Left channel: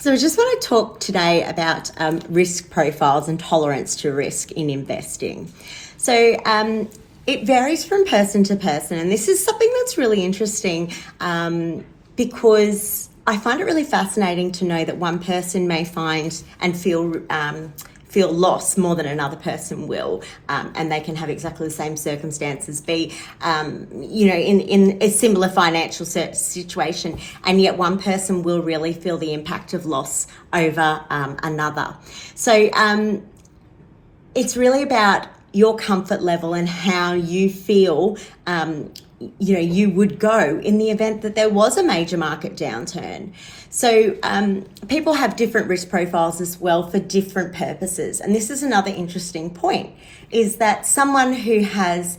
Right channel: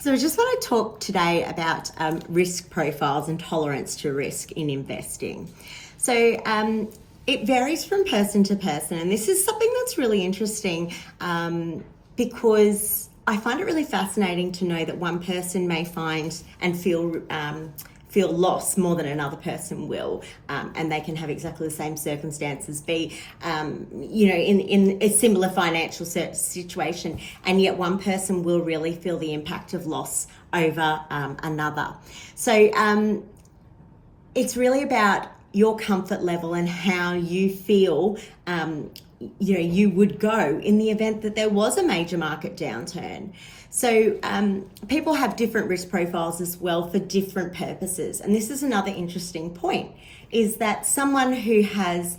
So I just want to talk today about risk profiles and tolerance to risk in investing. So it varies from person to person, and this is something that's really interesting because I find it really fascinating to know that one person may find and feel loss more than another person will, and they can have exactly the same circumstances, be in a similar financial situation, and yet one person will really feel the impact of loss over another. So it's really about your comfort level and how you feel you would go in the event that there was a major market downturn. So people have different risk profiles as well for different purposes. And this is another interesting point, is that someone who has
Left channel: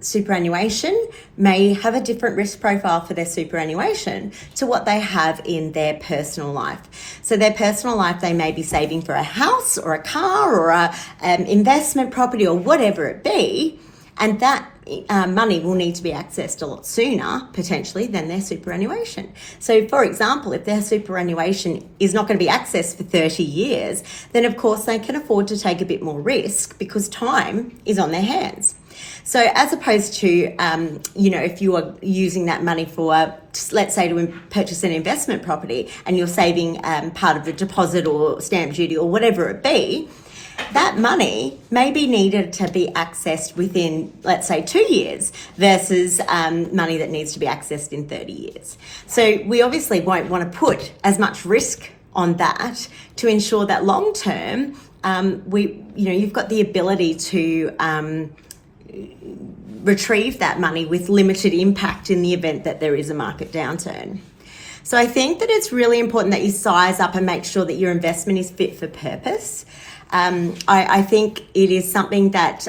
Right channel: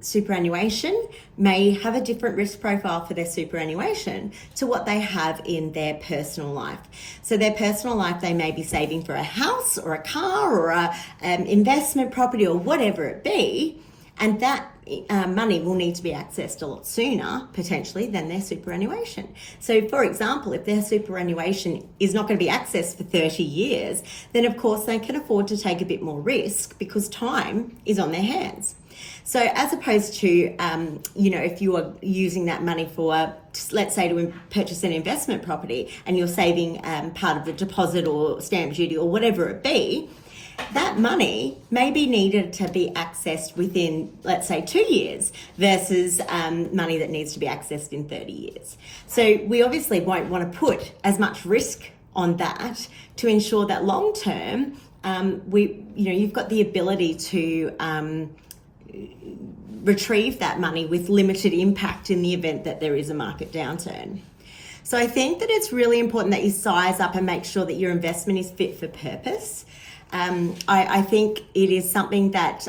superannuation may have a different risk profile for their superannuation to what they have in their personal life. So their personal life, they may be saving for a house or a car or a investment property or whatever it be, and that money will need to be accessed a lot sooner, potentially, than their superannuation. So, for example, if their superannuation is not going to be accessed for 30 years, then of course they can afford to take a bit more risk because time is on their hands. So as opposed to, if you are using that money for, let's say, to purchase an investment property and you're saving part of the deposit or stamp duty or whatever it be, that money may be needed to be accessed within, let's say, 2 years versus money that needs to be accessed in 30 years. So we obviously won't want to put as much risk on that to ensure that long term, you've got the ability to retrieve that money with limited impact in the event that there is a market downturn. So I think that it's really important that you size up and make sure that your investment is fit for purpose. I think it is something that,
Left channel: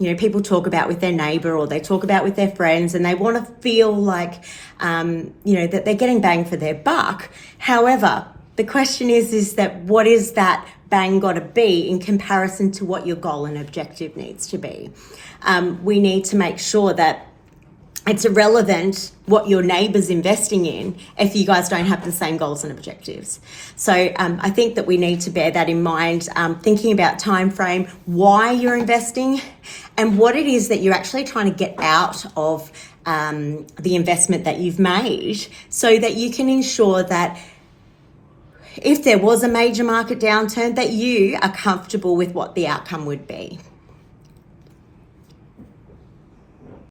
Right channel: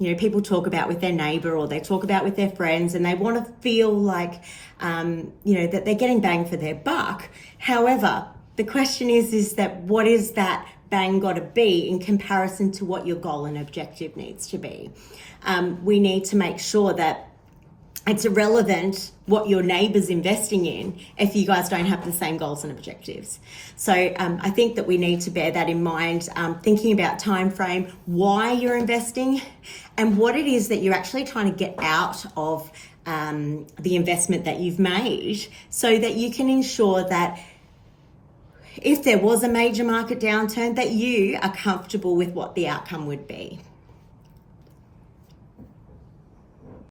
people talk about with their neighbour or they talk about with their friends, and they want to feel like, that they're getting bang for their buck. However, the question is that what is that bang got to be in comparison to what your goal and objective needs to be? We need to make sure that it's irrelevant what your neighbour's investing in if you guys don't have the same goals and objectives. So I think that we need to bear that in mind, thinking about time frame, why you're investing, and what it is that you're actually trying to get out of the investment that you've made, so that you can ensure that if there was a major market downturn, that you are comfortable with what the outcome would be.